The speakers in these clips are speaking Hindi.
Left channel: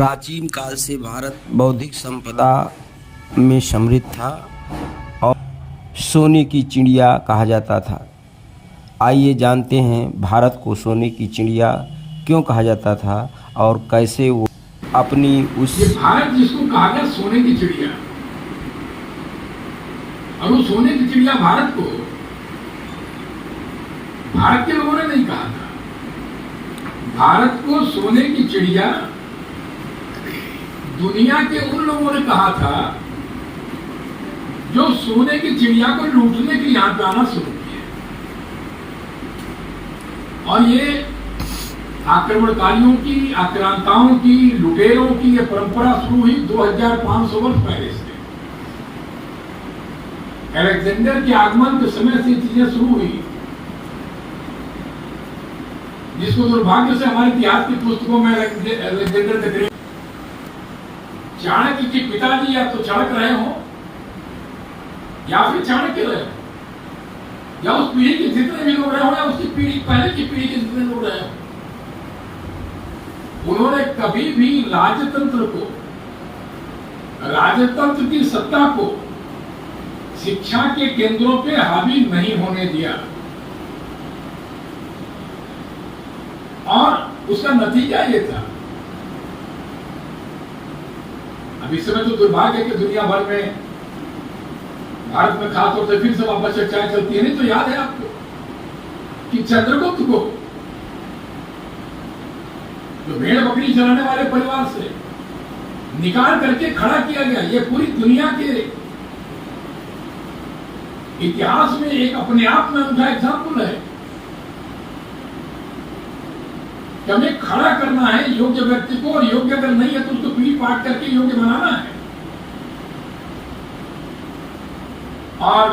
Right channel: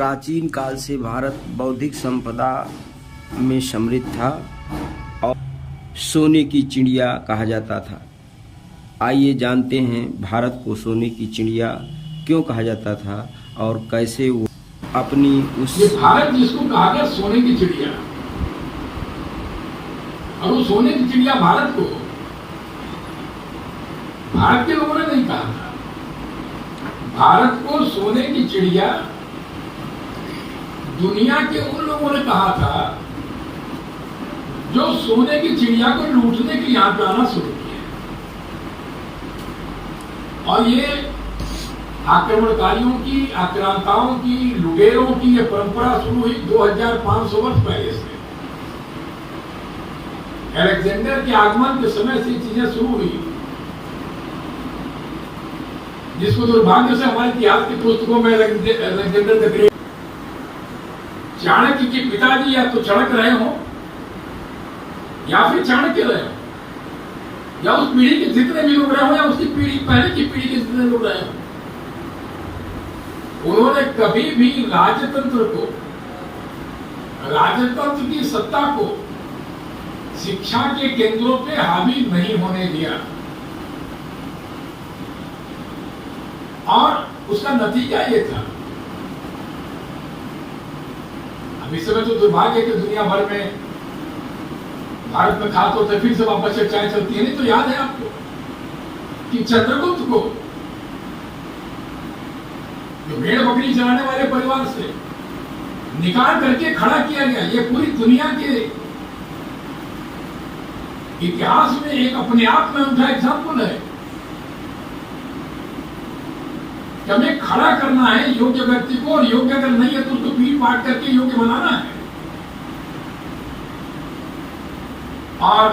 प्राचीन काल से भारत बौद्धिक संपदा में समृद्ध था और सोने की चिड़िया कहा जाता था। आइए जानते हैं भारत को सोने की चिड़िया क्यों कहा जाता था और कैसे वो अपनी उस भारत जिसको कहा गया सोने की चिड़िया, और वो सोने की चिड़िया भारत को भारत के लोगों ने नहीं कहा था। भारत को सोने की चिड़िया दुनिया के उन लोगों ने कहा था जो सोने की चिड़िया को लूटने के लिए यहां पे आना शुरू किया। और ये आक्रमणकारियों की, आक्रांताओं की, लुटेरों की ये परंपरा शुरू हुई 2500 वर्ष पहले से। अलेक्जेंडर के आगमन के समय से चीजें शुरू हुई, जिसको दुर्भाग्य से हमारे इतिहास की पुस्तकों में अलेक्जेंडर द ग्रेट, चाणक्य के पिताजी या तो चढ़क रहे हो या फिर चाणक्य रहे हो, या उस पीढ़ी के जितने भी लोग रहे हो या उसकी पीढ़ी पहले की पीढ़ी के जितने लोग रहे हो, उन्होंने कभी भी राजतंत्र को, राजतंत्र की सत्ता को शिक्षा के केंद्रों पे हावी नहीं होने दिया। और उसका नतीजा ये था, अब इस समय तो दुर्भाग्य है कि दुनिया भर में, भारत में खासतौर से फिर से वापस चर्चाएं चलती है। नहीं तो याद है आपको कि चंद्रगुप्त को जो भेड़ बकरी चलाने वाले परिवार से निकाल करके खड़ा किया गया, ये पूरी दुनिया के इतिहास में एक अपने आप में उनका एग्जाम्पल है कि हमें खड़ा करना है योग्य व्यक्ति को, और योग्य अगर नहीं है तो उसको पीट पाट करके योग्य बनाना है। और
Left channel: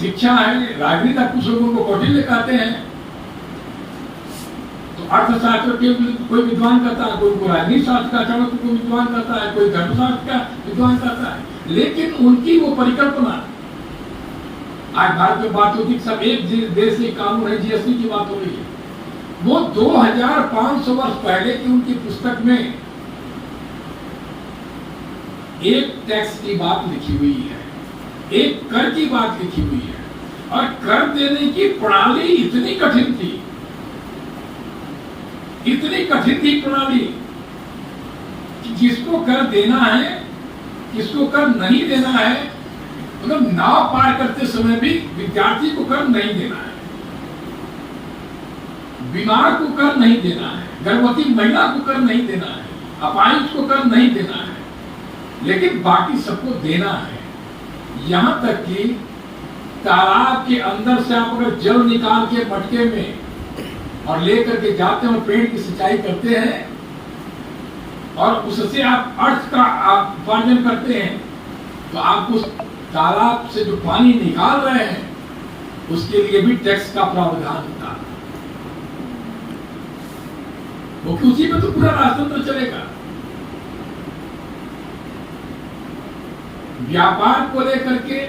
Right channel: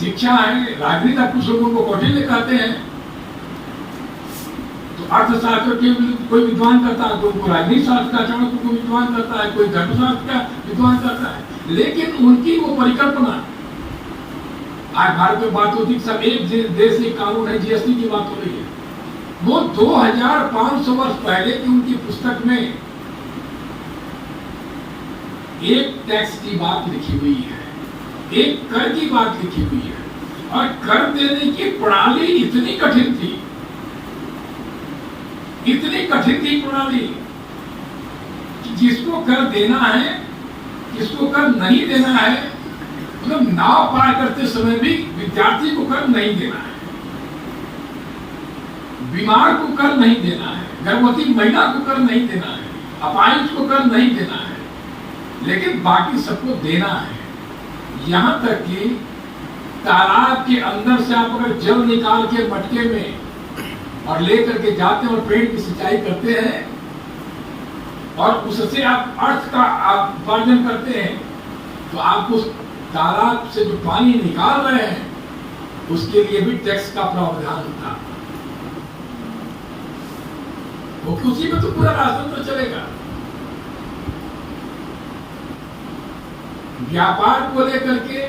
शिक्षा है, राजनीति, कुछ लोगों को कौटिल्य कहते हैं, तो अर्थशास्त्र के कोई विद्वान करता है, कोई राजनीति शास्त्र का चाणक्य को विद्वान करता है, कोई धर्मशास्त्र का विद्वान करता है, लेकिन उनकी वो परिकल्पना, आज भारत में बात होती सब एक देश एक कानून है, जीएसटी की बात हो रही है, वो 2500 वर्ष पहले की उनकी पुस्तक में एक टैक्स की बात लिखी हुई है, एक कर की बात लिखी हुई है, और कर देने की प्रणाली इतनी कठिन थी, इतनी कठिन थी प्रणाली कि जिसको कर देना है, किसको कर नहीं देना है, मतलब नाव पार करते समय भी विद्यार्थी को कर नहीं देना है, बीमार को कर नहीं देना है, गर्भवती महिला को कर नहीं देना है, अपाहिज को कर नहीं देना है, लेकिन बाकी सबको देना है। यहां तक कि तालाब के अंदर से आप अगर जल निकाल के मटके में और लेकर के जाते हैं और पेड़ की सिंचाई करते हैं और उससे आप अर्थ का उपार्जन करते हैं, तो आपको तालाब से जो पानी निकाल रहे हैं उसके लिए भी टैक्स का प्रावधान होता है, वो उसी में तो पूरा राजतंत्र चलेगा। व्यापार को लेकर के,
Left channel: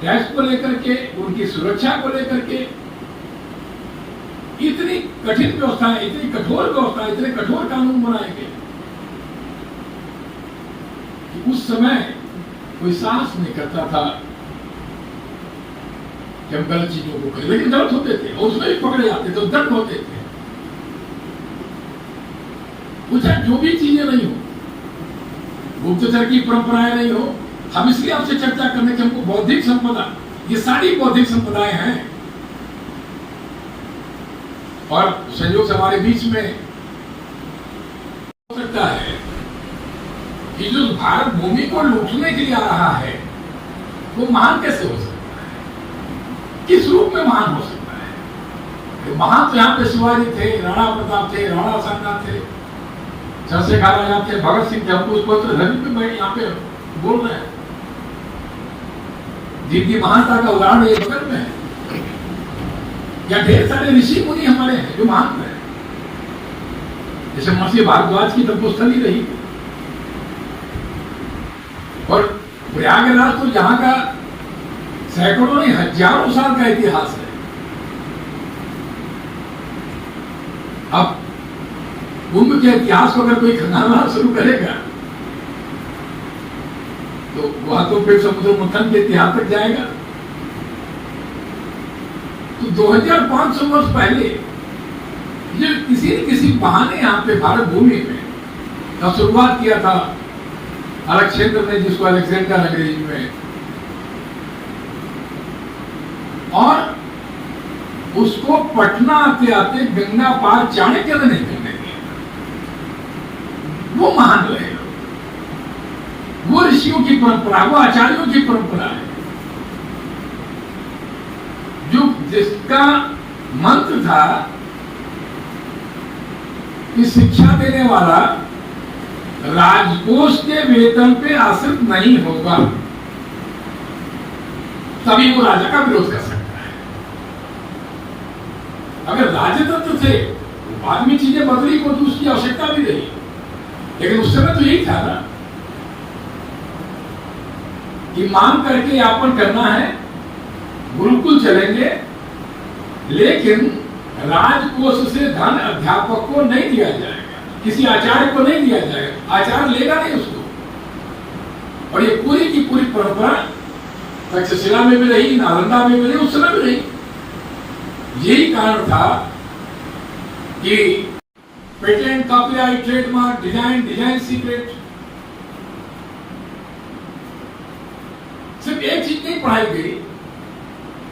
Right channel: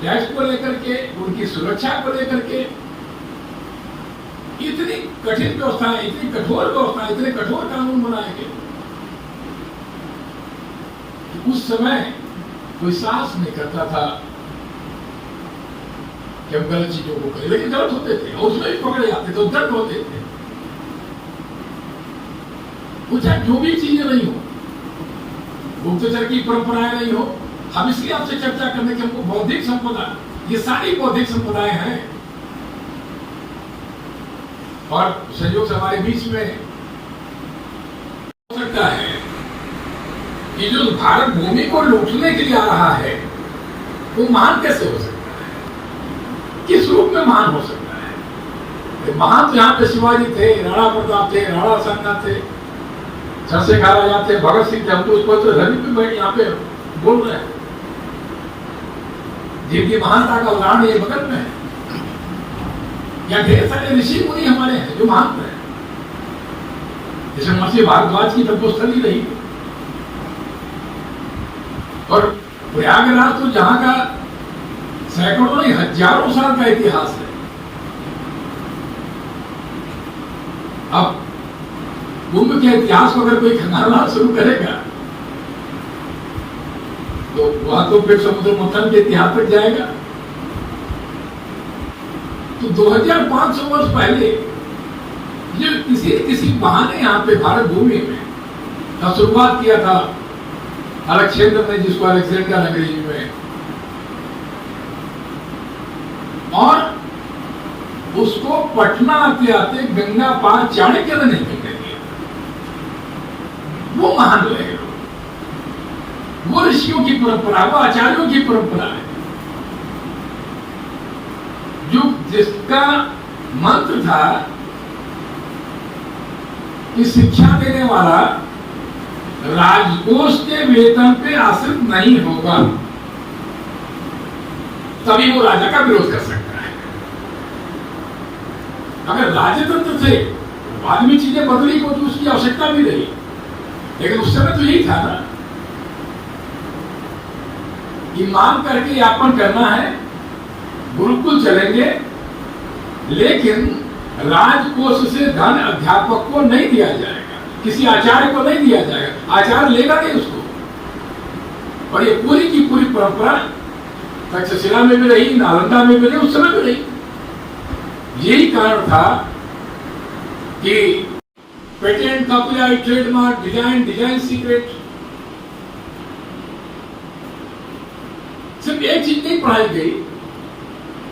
टैक्स को लेकर के, उनकी सुरक्षा को लेकर के इतनी कठिन व्यवस्थाएं, इतनी कठोर व्यवस्थाएं, इतने कठोर कानून बनाए गए, उस समय कोई साहस नहीं करता था कि हम गलत चीजों को करें, लेकिन गलत होते थे और उसमें भी पकड़े जाते थे, दर्द होते थे। कुछ जो भी चीजें नहीं हो, गुप्तचर की परंपराएं नहीं हो, हम इसलिए आपसे चर्चा करने के हमको बौद्धिक संपदा, ये सारी बौद्धिक संपदाएं हैं। और संयोग से हमारे बीच में हो सकता है कि जो भारत भूमि को लूटने के लिए आ रहा है वो महान कैसे हो सकता है, किस रूप में महान हो सकता है? महान तो यहाँ पे शिवाजी थे, राणा प्रताप थे, राणा सांगा थे, चंद्रशेखर आजाद थे, भगत सिंह थे, हम तो उसको रवि पे यहाँ पे बोल रहे हैं, जिनकी महानता का उदाहरण ये बगल में है, या ढेर सारे ऋषि मुनि हमारे हैं जो महान रहे, जैसे महर्षि भारद्वाज की तपस्थली रही, और प्रयागराज तो जहां का सैकड़ों नहीं हजारों साल का इतिहास है। अब कुंभ के इतिहास को अगर कोई खंगालना शुरू करेगा तो वह तो फिर समुद्र मंथन के इतिहास तक जाएगा। तो 2500 वर्ष पहले जो किसी बहाने यहाँ पे भारत भूमि में का शुरुआत किया था अलेक्जेंडर ने, जिसको अलेक्जेंडर अंग्रेजी में, और उसको पटना आते आते गंगा पार चाणक्य ने नहीं करने दिया। वो महान रहेगा, वो ऋषियों की परंपरा, वो आचार्यों की परंपरा है, जो जिसका मंत्र था कि शिक्षा देने वाला राजकोष के वेतन पे आश्रित नहीं होगा, तभी वो राजा का विरोध कर सकता है। अगर राजतंत्र से बाद में चीजें बदली को तो उसकी आवश्यकता भी रही, लेकिन उस समय तो यही था ना कि मान करके यापन करना है, गुरुकुल चलेंगे, लेकिन राजकोष से धन अध्यापक को नहीं दिया जाएगा, किसी आचार्य को नहीं दिया जाएगा, आचार्य लेगा नहीं उसको। और ये पूरी की पूरी परंपरा तक्षशिला में भी रही, नालंदा में भी रही, उस समय भी रही। यही कारण था कि patent, copyright, trademark, design secret, सिर्फ एक चीज नहीं पढ़ाई गई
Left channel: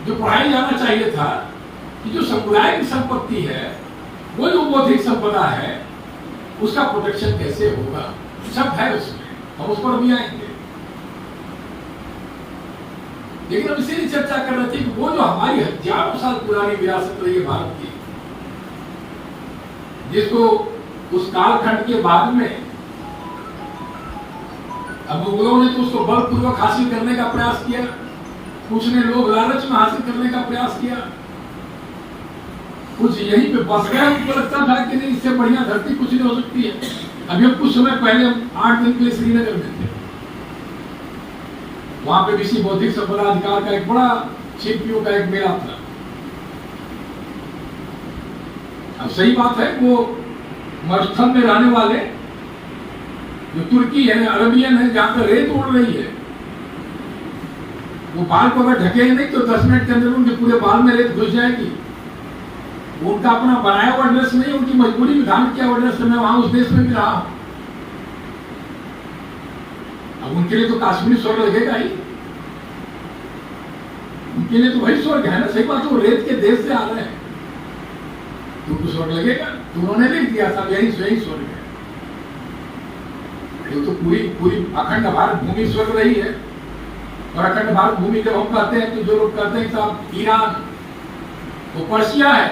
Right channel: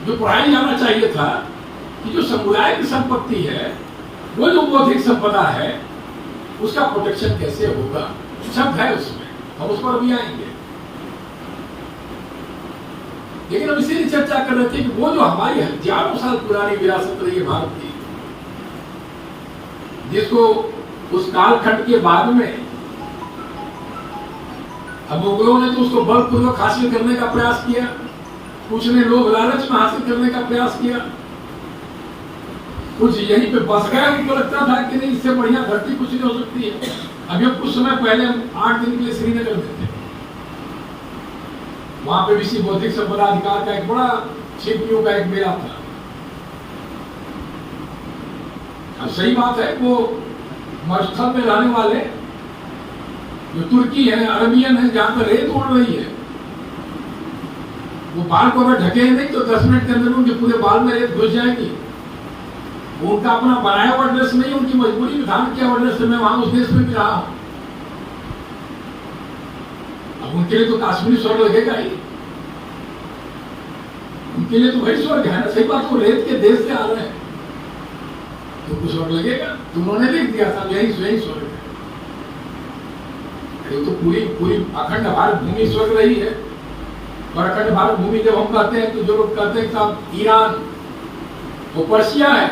जो पढ़ाई जाना चाहिए था कि जो समुदाय की संपत्ति है, वो जो बौद्धिक संपदा है, उसका प्रोटेक्शन कैसे होगा, सब है उसमें, हम उस पर भी आएंगे। लेकिन हम इसीलिए चर्चा कर रहे थे कि वो जो हमारी हजारों साल पुरानी विरासत रही है भारत की, जिसको उस कालखंड के बाद में अब मुगलों ने तो उसको बलपूर्वक हासिल करने का प्रयास किया, कुछ ने लोग लालच में हासिल करने का प्रयास किया, कुछ यहीं पे बस गए, उनको लगता था कि नहीं इससे बढ़िया धरती कुछ नहीं हो सकती है। अभी कुछ समय पहले 8 दिन के लिए श्रीनगर में थे, वहां पे विश्व बौद्धिक संपदा अधिकार का एक बड़ा शिल्पियों का एक मेला था। अब सही बात है, वो मरुस्थल में रहने वाले जो तुर्की है, अरबियन है, जहां पर रेत उड़ रही है, वो बाल को अगर ढके नहीं तो 10 मिनट के अंदर उनके पूरे बाल में रेत घुस जाएगी। वो उनका अपना बनाया हुआ ड्रेस नहीं, उनकी मजबूरी में धारण किया हुआ ड्रेस। मैं वहां उस देश में भी रहा हूं। अब उनके लिए तो काश्मीर स्वर्ग लगेगा ही, उनके लिए तो वही स्वर्ग है ना। सही बात, वो रेत के देश से आ रहे हैं, तो उनको स्वर्ग लगेगा। तो उन्होंने लिख दिया था यही स्वर्ग है। तो पूरी अखंड भारत भूमि स्वर्ग रही है। और अखंड भारत भूमि जब हम कहते हैं तो जो लोग कहते हैं साहब ईरान, वो पर्शिया है,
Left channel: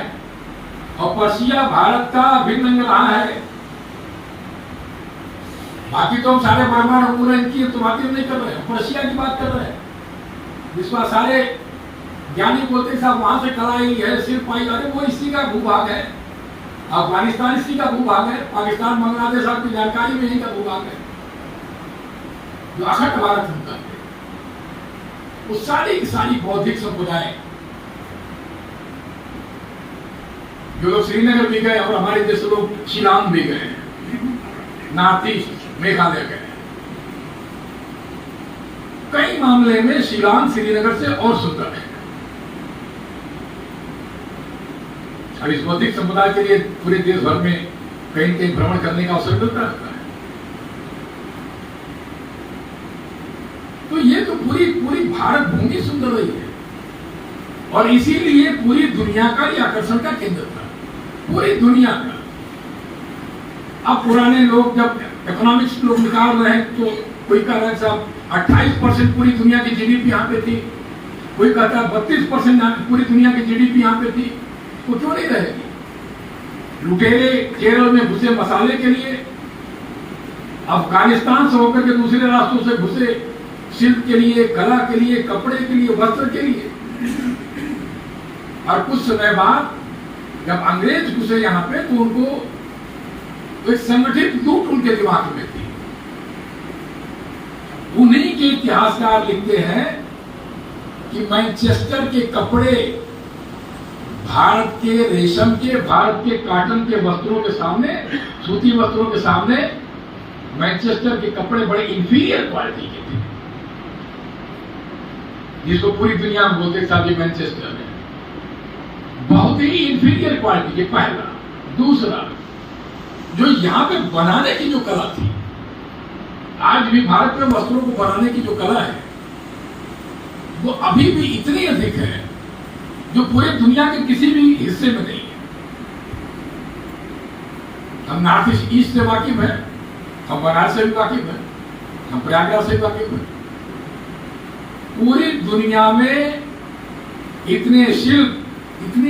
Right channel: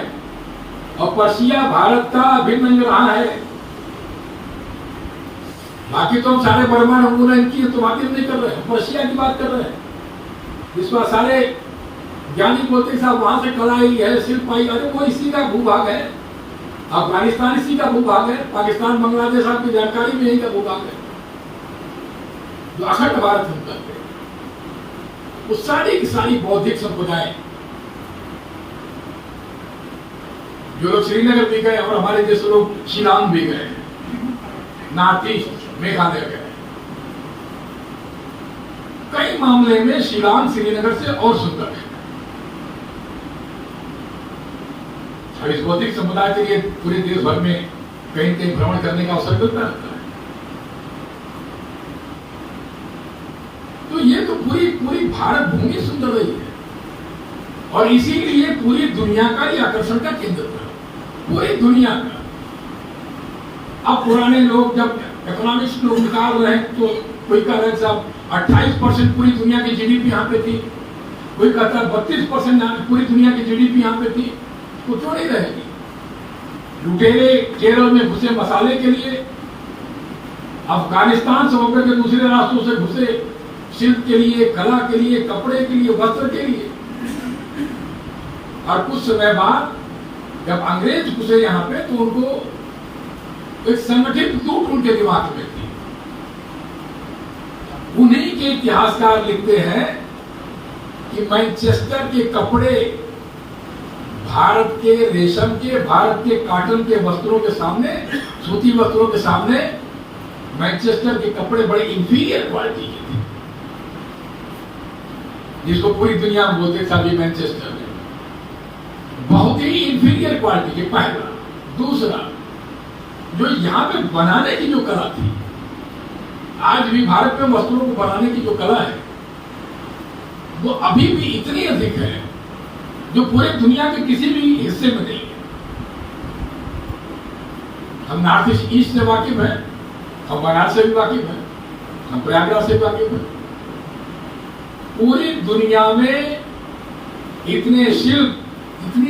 और पर्शिया भारत का अभिन्न अंग रहा है। बाकी तो हम सारे ब्रह्मांड उन्मूलन की तो बात नहीं कर रहे हैं, पर्शिया की बात कर रहे हैं, जिसका सारे ज्ञानी बोलते साहब वहां से कला आई है, शिल्प आई, अरे वो इसी का भूभाग है। अफगानिस्तान इसी का भूभाग है, पाकिस्तान, बांग्लादेश आपकी जानकारी में यही का भूभाग है, जो अखंड भारत हम करते हैं। वो सारी की सारी बौद्धिक संप्रदाय, जो लोग श्रीनगर भी गए और हमारे जैसे लोग शिलांग भी गए, नॉर्थ ईस्ट मेघालय गए, कई मामले में शिलांग श्रीनगर से और सुंदर है। और इस बौद्धिक समुदाय के लिए पूरे देश भर में कहीं कहीं भ्रमण करने का अवसर मिलता रहता है। तो ये तो पूरी भारत भूमि सुंदर रही है, और इसीलिए पूरी दुनिया का ये आकर्षण का केंद्र था, पूरी दुनिया का। अब पुराने लोग जब इकोनॉमिक्स लोग निकाल रहे हैं तो कोई कह रहा है साहब 28% पूरी दुनिया की जीडीपी यहाँ पे थी, कोई कहता है 32% पूरी दुनिया की जीडीपी यहाँ पे थी, तो क्यों नहीं रहेगी? लुटेरे केरल में घुसे मसाले के लिए, अफगानिस्तान से होकर के दूसरे रास्तों से घुसे शिल्प के लिए, कला के लिए, कपड़े के लिए, वस्त्र के लिए। और कुछ समय बाद जब अंग्रेज घुसे यहाँ पे तो उनको एक संगठित लूट उनके दिमाग में थी। उन्हीं के इतिहासकार लिखते हैं कि मैनचेस्टर के कपड़े भारत के रेशम के, भारत के कॉटन के वस्त्रों के सामने सूती वस्त्रों के सामने मैनचेस्टर के कपड़े बड़े इंफीरियर क्वालिटी के थे, जिसको पूरी दुनिया में बोलते साहब ये मैनचेस्टर है, बहुत ही इंफीरियर क्वालिटी के। पहला। दूसरा, जो यहाँ पे बनाने की जो कला थी, आज भी भारत में वस्त्रों को बनाने की जो कला है वो अभी भी इतनी अधिक है जो पूरे दुनिया के किसी भी हिस्से में नहीं है। हम नॉर्थ ईस्ट से वाकिफ है, हम बनारस से भी वाकिफ है, हम प्रयागराज से भी वाकिफ है। पूरी दुनिया में इतने शिल्प, इतनी